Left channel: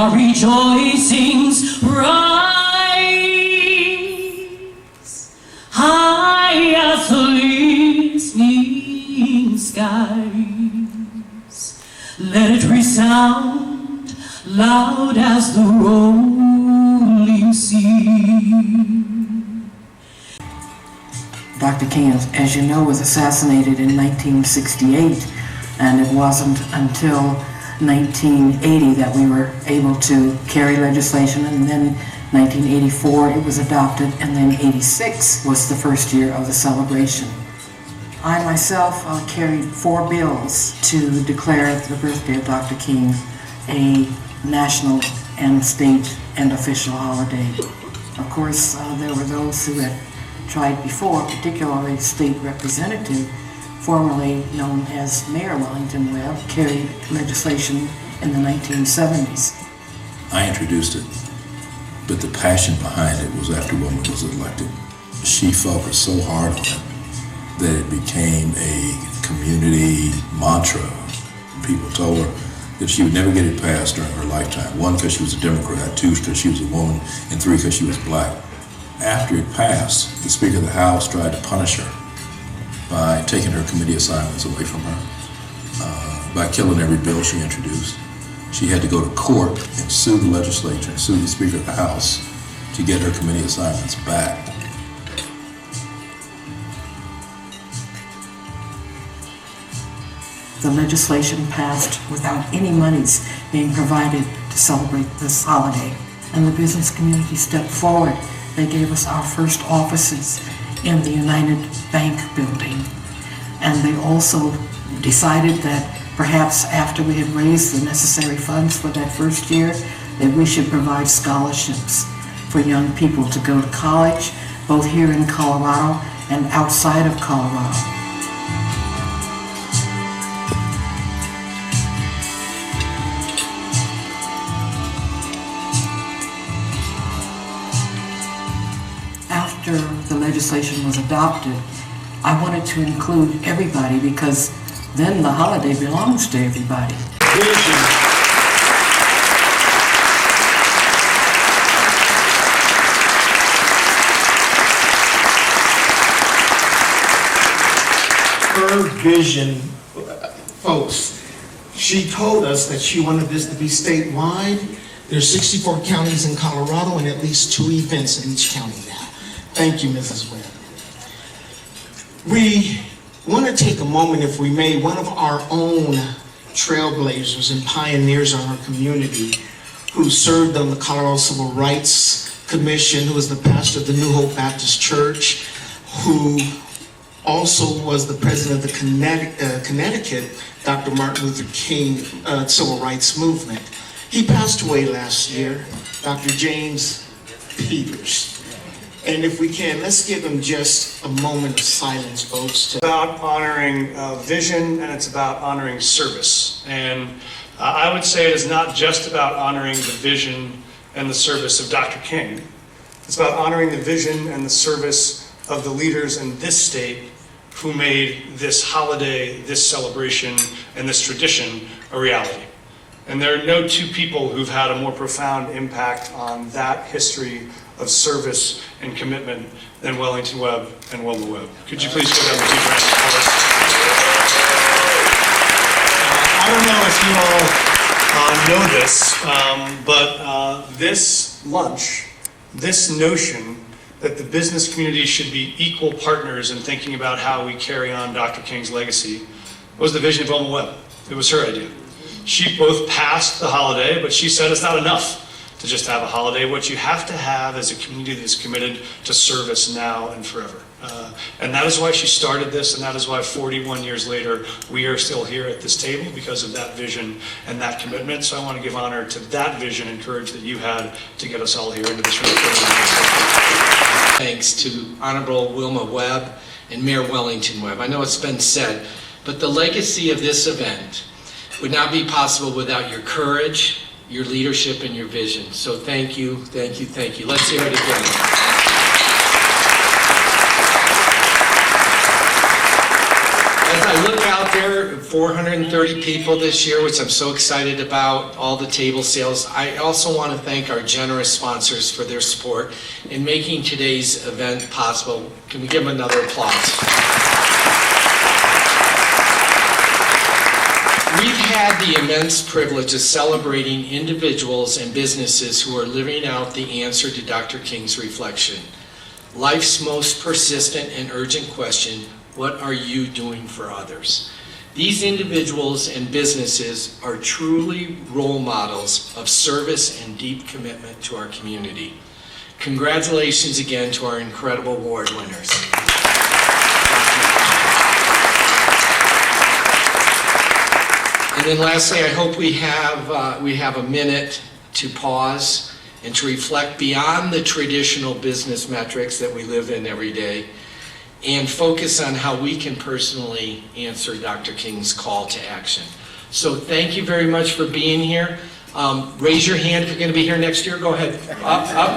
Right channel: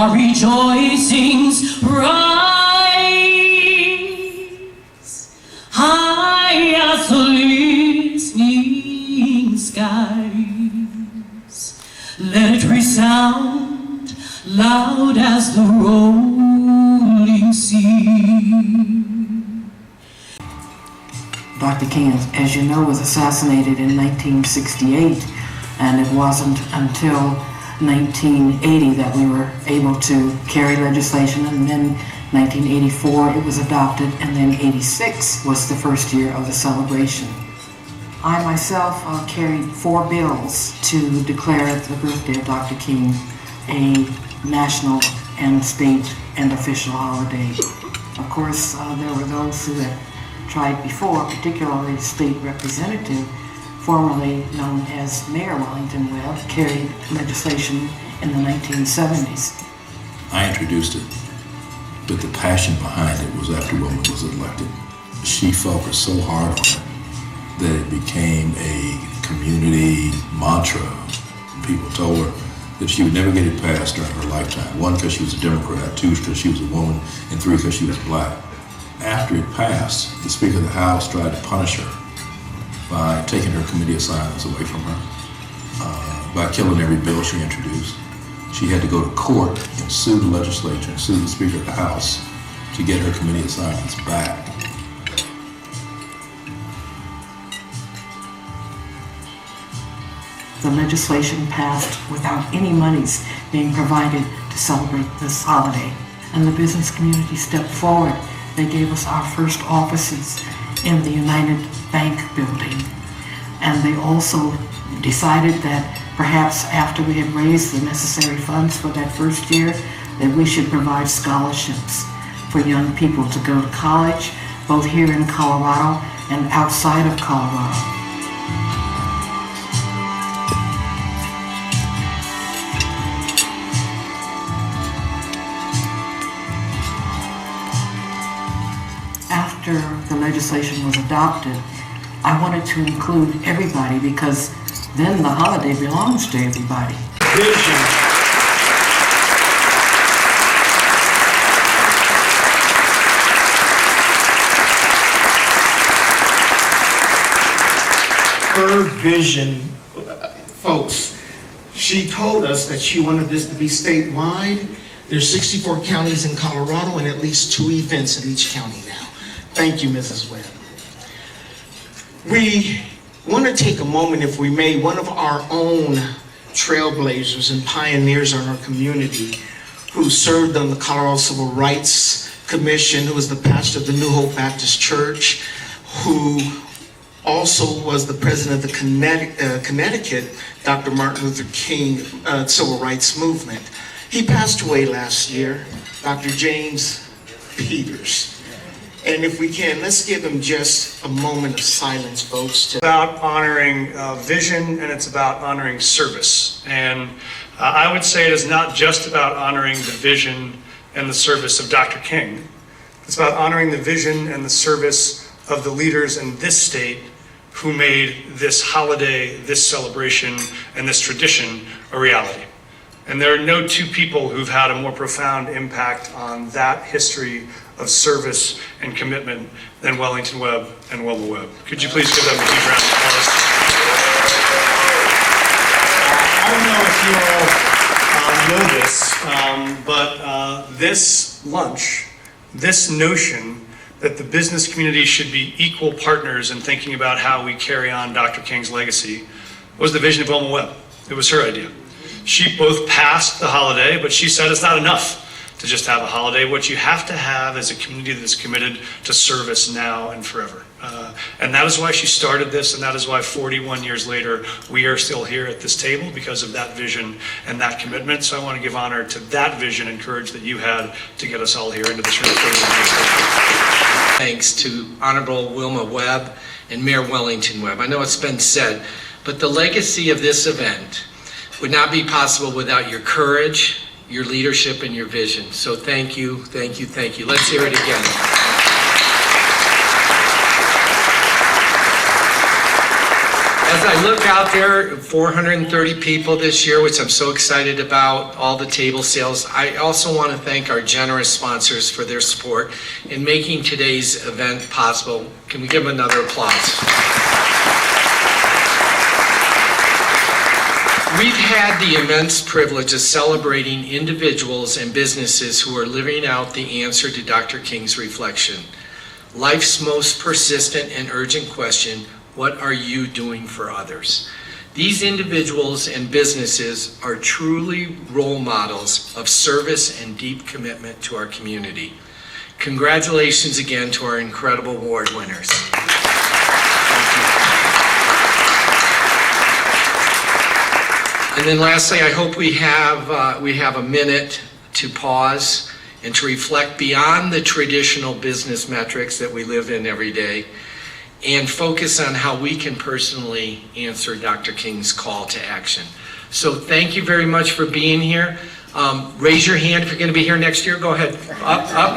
our rejoicings rise high as the listening skies. Let it resound loud as the rolling sea. Dr. King, as you know, was assassinated in 1968, and it wasn't until 1980 that we were able to carry legislation, and then 1984 it was adopted, and then 86 was the first year of the celebration. I myself carried 4 bills to declare the birthday of Dr. King a national and state and official holiday. Of course, there were those who had tried before, particularly the state representative, formerly known as Mayor Wellington Webb, carried legislation in the 1970s. I introduced it, but the passion behind it was after Wilma was elected. She focused so hard on it that it became a community mantra. People told her that she would never get it passed during her lifetime. 1, because she was a Democrat, 2, because she was a woman, and 3, because she was black. After it passed, the Speaker of the House tried to punish her by taking her committee assignments away from her, by killing every bill she introduced. She had to go to court and sue the legislature and sue the Speaker of the House to get her committee assignments back. The legislation passed without any monies being provided to celebrate this holiday, and the business community stepped forward. They gave us our first offices in the United Bank building, and they also decided that perhaps after we had raised the necessary funds for that first year, that we should provide scholarships for young people to go to college, both here in Colorado and outside of Colorado. After the legislation was adopted, I wanted to include everybody because then the holiday belongs to everybody. Her vision, folks, she told us that she wanted this to be statewide. There's 64 counties in Colorado and at least 2 events in each county now. Thank you, Mrs. Webb. We want to take a moment, if we may, one of our own trailblazers and pioneers in our community who served on the Colorado Civil Rights Commission, who was the pastor of the New Hope Baptist Church, who also was the president of the Connecticut Dr. Martin Luther King Civil Rights Movement. He passed away last year, Dr. James Peters. And if we can, let's give him just a moment of silence, folks. It's about honoring vision, and it's about honoring service. And I would say it is not just about honoring the vision and the service of Dr. King. It's about honoring the vision and the service of the leaders in this state who made this holiday, this celebration, and this tradition a reality. And there are no 2 people who've had a more profound impact on that history of service and commitment than Wellington Webb and Wilma Webb. Could you please give them a huge round of applause? I don't know if you all know this, but this lunch, this notion that the business community should be equal partners in thinking about how we carry on Dr. King's legacy was the vision of Wilma Webb. It was her idea. She both passed the holiday, but she said it's not enough to just have a holiday. What you have to have is a community that's committed to service now and forever. And that is why she started this, and that is why 41 years later, we are still here at this table because of that vision and that commitment. So I want to give honor to that vision and courage that you had to get us all here into this room. Thanks to Honorable Wilma Webb and Mayor Wellington Webb. I know it's been said, but the legacy of this event would not be possible without your courage, your leadership, and your vision. So thank you, thank you, thank you. Let's hear it again. As I look out out there, 430 people this year, which I'm so excited about, all the table sales. I also want to thank our generous sponsors for their support in making today's event possible. Can we give them another applause? We've had the immense privilege of celebrating individuals and businesses who are living out the answer to Dr. King's reflection. Life's most persistent and urgent question: what are you doing for others? These individuals and businesses are truly role models of service and deep commitment to our community. Congratulations again to our incredible award winners. And then lastly, I hope we have a minute to pause and to reflect beyond the traditional business metrics that we live in every day, and focus on how we can personally answer Dr. King's call to action. So thank you very much for being here. Raise your hand if you're going to be here next year. Go ahead. Up, yeah.